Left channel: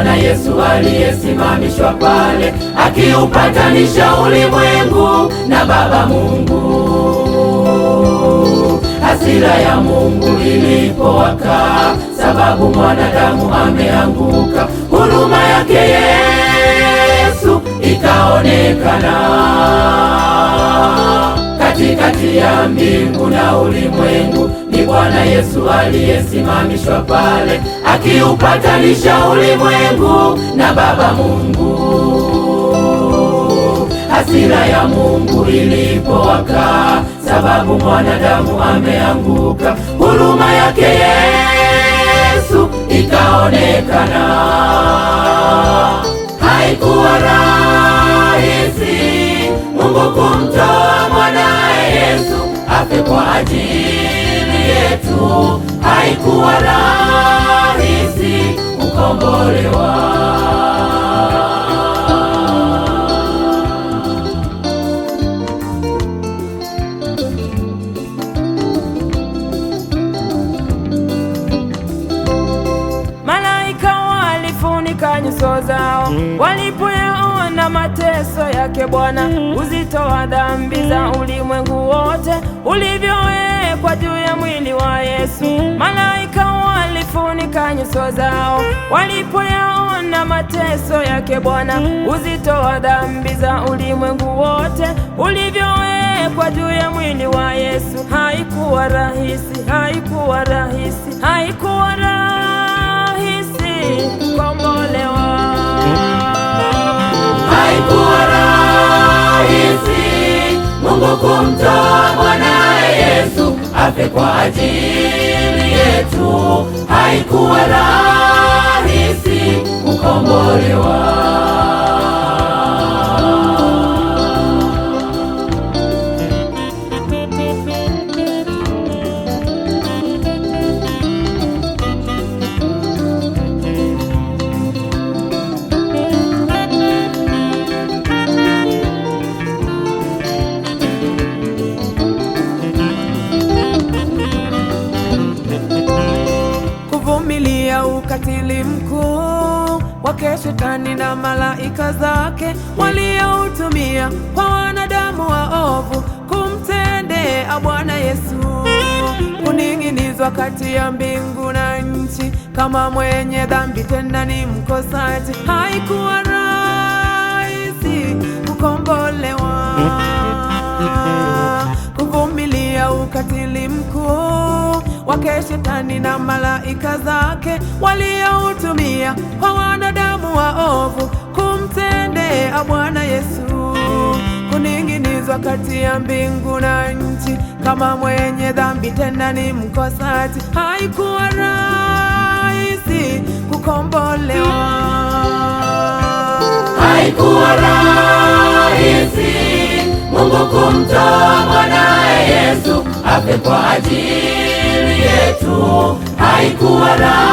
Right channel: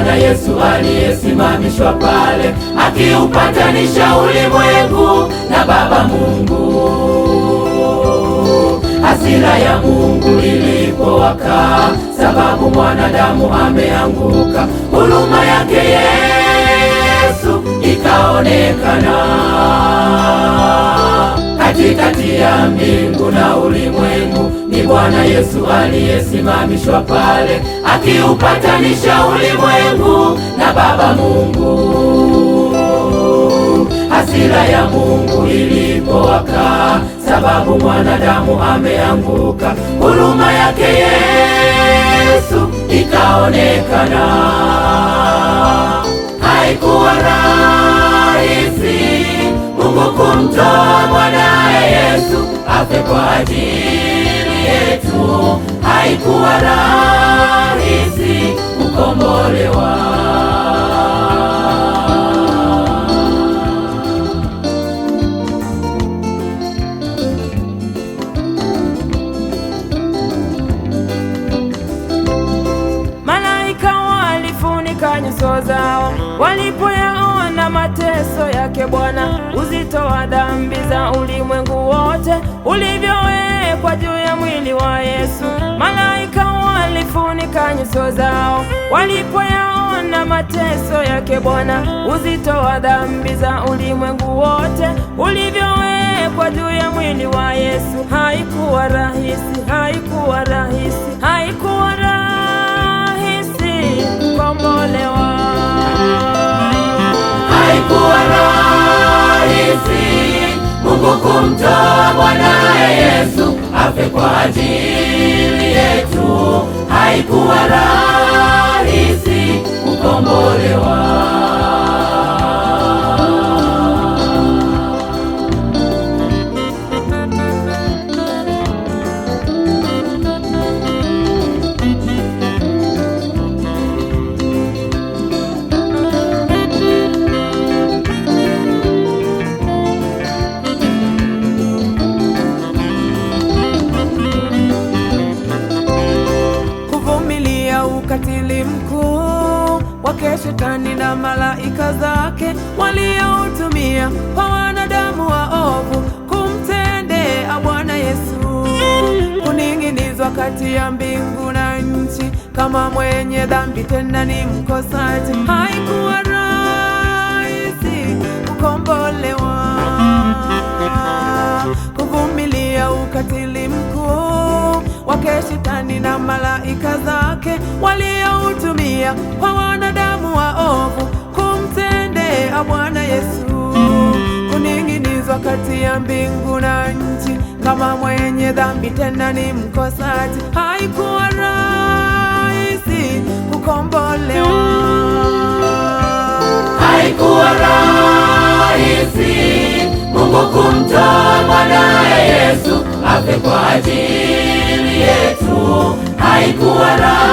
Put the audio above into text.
Bwana Yesu aliyesimamishwa pale, akiupatanisha ulimwengu na Baba Mungu. Hasira ya Mungu ilipowaka, sababu mwanadamu ameanguka, huruma yake Yesu ikaonekana. Katikati ya mbingu na ulimwengu, ni Bwana Yesu aliyesimamishwa pale, akiupatanisha ulimwengu na Baba Mungu. Hasira ya Mungu ilipowaka, sababu mwanadamu ameanguka, huruma yake Yesu ikaonekana. Haikuwa rahisi Mungu kumtoa mwanae Yesu afe kwa ajili yetu. Haikuwa rahisi kukombolewa. Nyuso zao walipoyaona mateso yake Bwana, uzito wa dhambi za ulimwengu wote ulivyowekwa juu ya mwili wa Yesu. Malaika walifunika nyuso zao walipoyaona mateso yake Bwana, uzito wa dhambi za ulimwengu wote ulivyowekwa juu ya mwili wa Yesu. Haikuwa rahisi, haikuwa rahisi, haikuwa rahisi kukombolewa. Haikuwa rahisi Mungu kumtoa mwanae Yesu afe kwa ajili yetu. Haikuwa rahisi kukombolewa. Ukatili mkuu wake Shetani na malaika zake walioutumia kwa wanadamu waovu kumtendea Bwana Yesu, kuning'inizwa kati ya mbingu na nchi kama mwenye dhambi, tena ni mkosaji. Haikuwa rahisi kukombolewa, kuvumilia ukatili mkuu wake Shetani na malaika zake walioutumia kwa wanadamu waovu kumtendea Bwana Yesu, kuning'inizwa kati ya mbingu na nchi kama mwenye dhambi, tena ni mkosaji. Haikuwa rahisi kukombolewa. Haikuwa rahisi Mungu kumtoa mwanae Yesu afe kwa ajili yetu. Haikuwa rahisi